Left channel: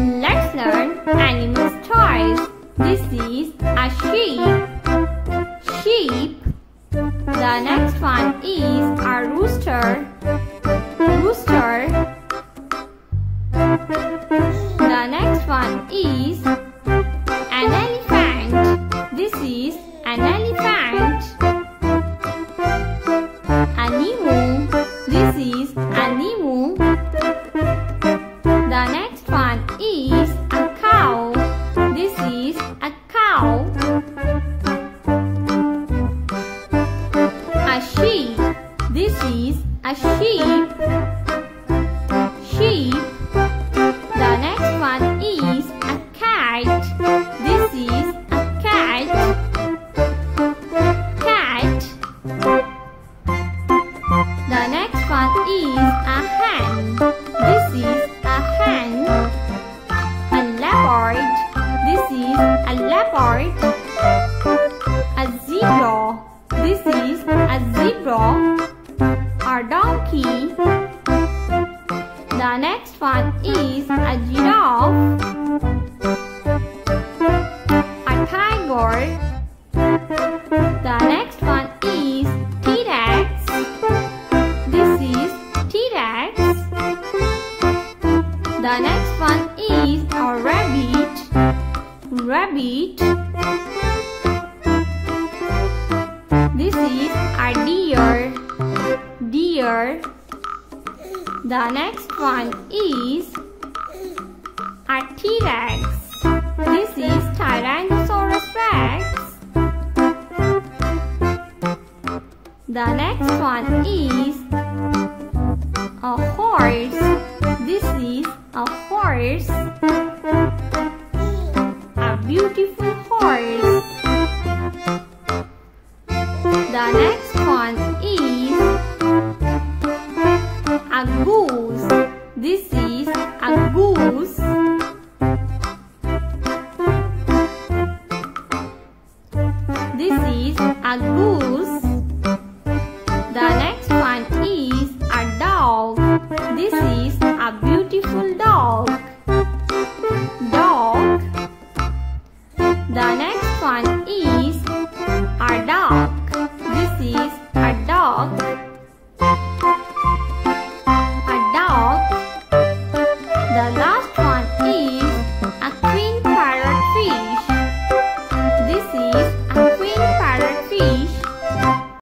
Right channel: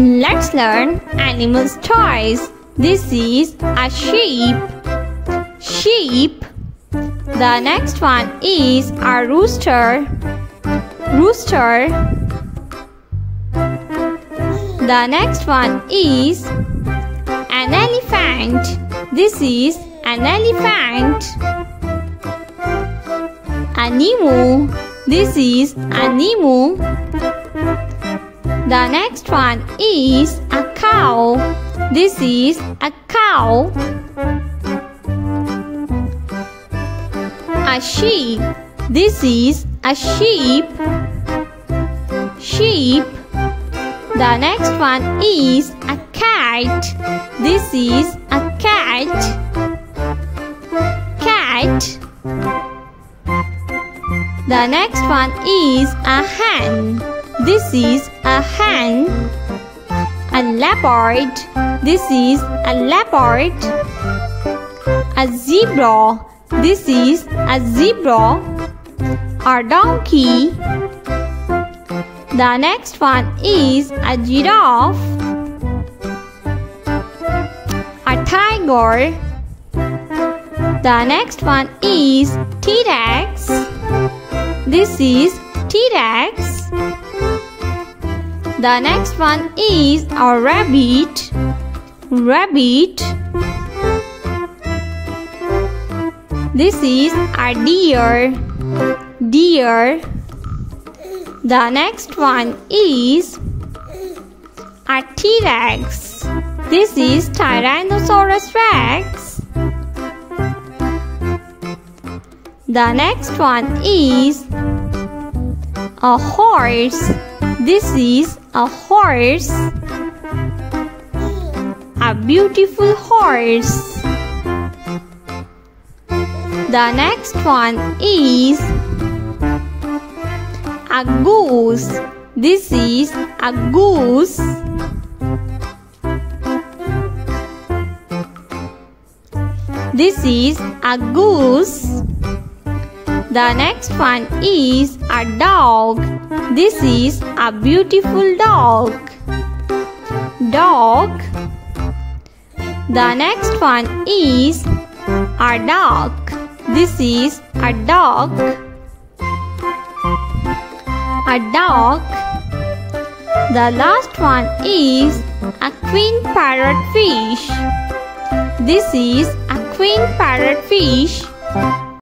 Let's learn animals' toys. This is a sheep. Sheep. The next one is a rooster. Rooster. The next one is an elephant. This is an elephant. A emu. This is a emu. The next one is a cow. This is a cow. A sheep. This is a sheep. Sheep. The next one is a cat. This is a cat. Cat. The next one is a hen. This is a hen. A leopard. This is a leopard. A zebra. This is a zebra. A donkey. The next one is a giraffe. A tiger. The next one is T-Rex. This is T-Rex. The next one is a rabbit. Rabbit. This is a deer. Deer. The next one is a T-Rex. This is Tyrannosaurus Rex. The next one is a horse. This is a horse. A beautiful horse. The next one is a goose. This is a goose. This is a goose. The next one is a dog. This is a beautiful dog. Dog. The next one is a duck. This is a duck. A duck. The last one is a queen parrotfish. This is